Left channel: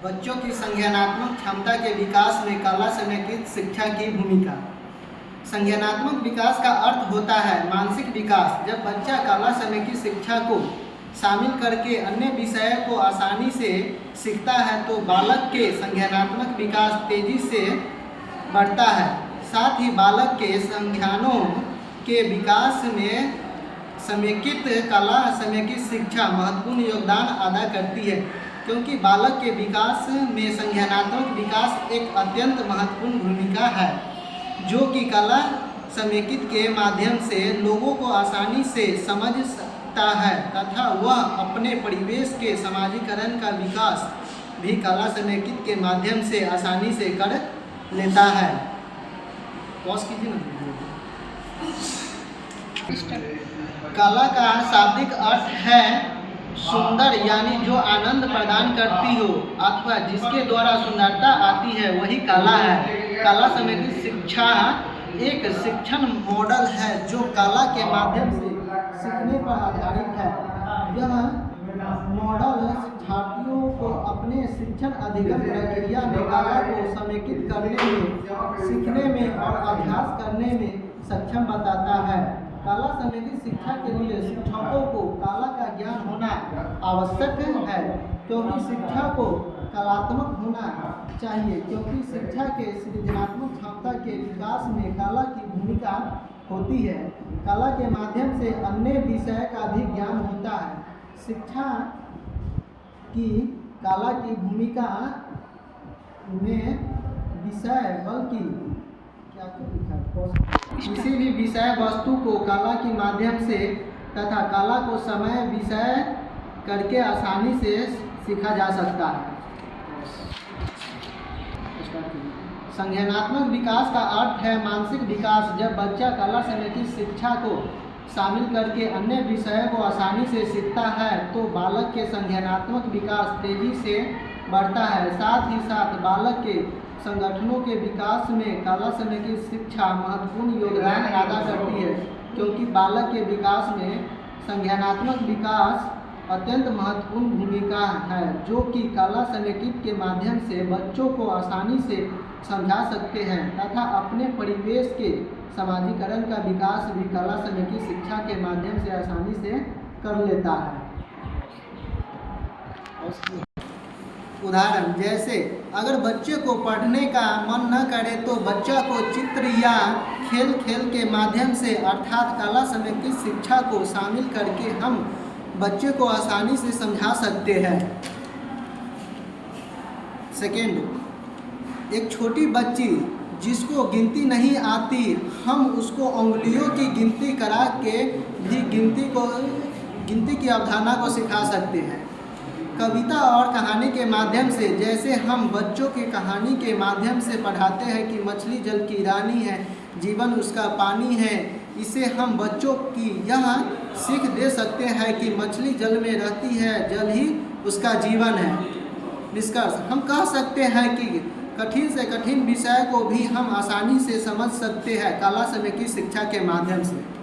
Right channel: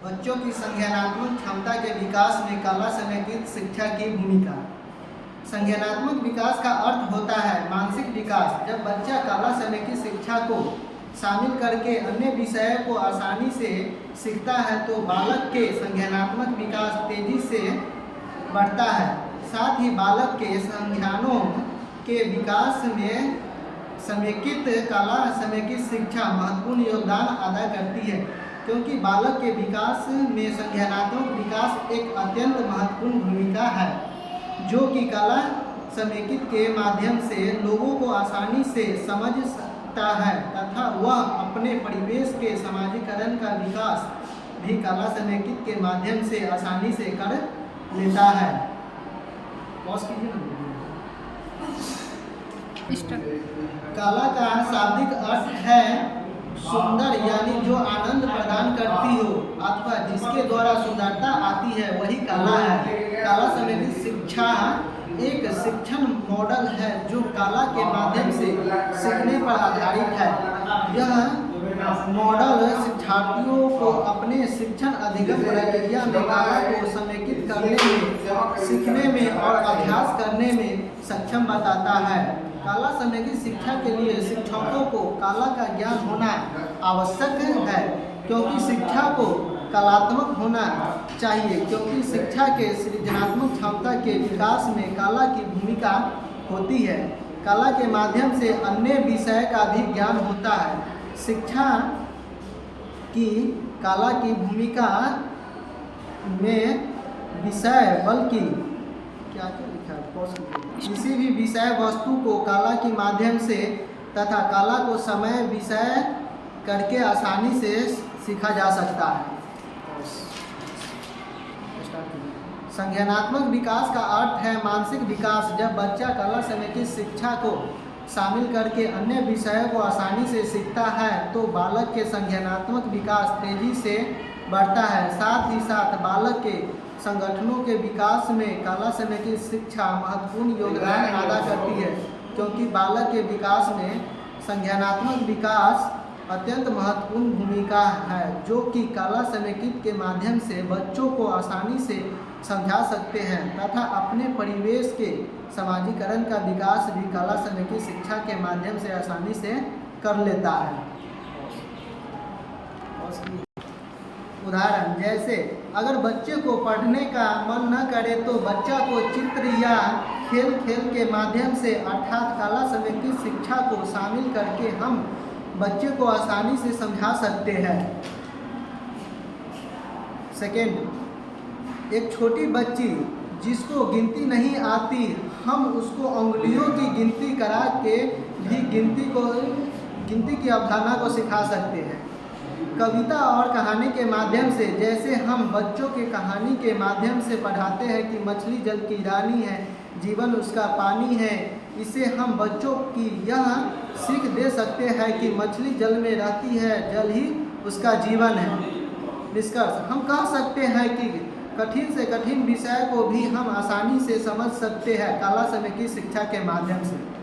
बच्चों की संज्ञानात्मक क्षमता के विकास में कला समेकित शिक्षा की भूमिका। संज्ञानात्मक विकास का अर्थ होता है मानसिक विकास। जब बच्चा कला समेकित शिक्षा को शामिल करके अन्य विषयों को आसानी से सीखता है तो बालक के संज्ञानात्मक विकास तेजी से बढ़ता है। साथ ही बालक के संज्ञानों के विकास में समेकित कला समेकित शिक्षा महत्वपूर्ण योगदान अदा करती है, क्योंकि बालक के विकास में संज्ञानात्मक विकास एक अत्यंत महत्वपूर्ण भूमिका है, जो कि कला समेकित के माध्यम से लोगों को आसानी से समझ सकता है तथा वह अपने परिवेश के समाजीकरण का विकास भी कला समेकित के माध्यम से आसानी से कर लेता है। पॉज कीजिए ना। कला का शाब्दिक अर्थ है सुंदर, यानी जो आनंद प्रदान करती हो अथवा जिसके द्वारा सुंदरता आती है वही कला है। कला समेकित शिक्षा एक शिक्षण मॉडल है जो कला के माध्यम से सीखने पर आधारित है। यह मॉडल शिक्षार्थियों को अपने शिक्षण अधिगम प्रक्रिया में कला को समेकित करने में, सीखने में और अभ्यास करने में सक्षम बताता है। कला समेकित शिक्षा के लिए शिक्षकों को कला का ज्ञान होना आवश्यक है, क्योंकि शिक्षा को कलात्मक होना चाहिए, क्योंकि शिक्षा के सृजनात्मक क्षमता के विकास में कला की भूमिका होती है। कला के माध्यम से अन्य विषय का भी ज्ञान होता है। शिक्षा की कला की भूमिका में विषय बल्कि क्या लिखा है, किसी भी विषय वस्तु को कला के माध्यम से तथा कला को समय विषय करके आसानी से सीखा जा सकता है। संज्ञानात्मक विकास का अर्थ है मानसिक विकास। जब बच्चा कला समेकित शिक्षा को शामिल करके अन्य विषयों को आसानी से सीखता है तो बालक के संज्ञानात्मक विकास तेजी से बढ़ता है। साथ ही साथ बालक के संगठनों के विकास में कला समेकित शिक्षा महत्वपूर्ण योगदान अदा करती है, क्योंकि बालक के विकास में संज्ञानात्मक विकास अत्यंत महत्वपूर्ण भूमिका है, जो कि कला समेकित के माध्यम से बच्चों को आसानी से समझा सकते हैं तथा अपने परिवेश के समाजीकरण का विकास भी कला समेकित शिक्षा के माध्यम से आसानी से कर लेता है। उदाहरण जैसे अगर बच्चे को पढ़ने का मन न करे तो बच्चा को चित्र या खेल के माध्यम से अर्थात कला समेकित शिक्षा को शामिल करके हम बच्चे को आसानी से समझा सकते हैं। सेकेंड, एक छोटी बच्ची जिसको गिनती नहीं आती, हम उसको उंगलियों की गिनती करा के भी गिनती की अवधारणा को सिखा सकते हैं। कविता और कहानी के माध्यम से, जैसे हम बच्चों के कहानी के माध्यम से पढ़ाते हैं कि मछली जल की रानी है, जीवन उसका पानी है, इसे हम बच्चों की यह सीख दे सकते हैं कि मछली जल में रहती है, जल ही उसका जीवन है। निष्कर्ष, हम कह सकते हैं कि कठिन से कठिन विषय को भी हम आसानी से समझ सकते हैं कला समेकित शिक्षा के माध्यम से।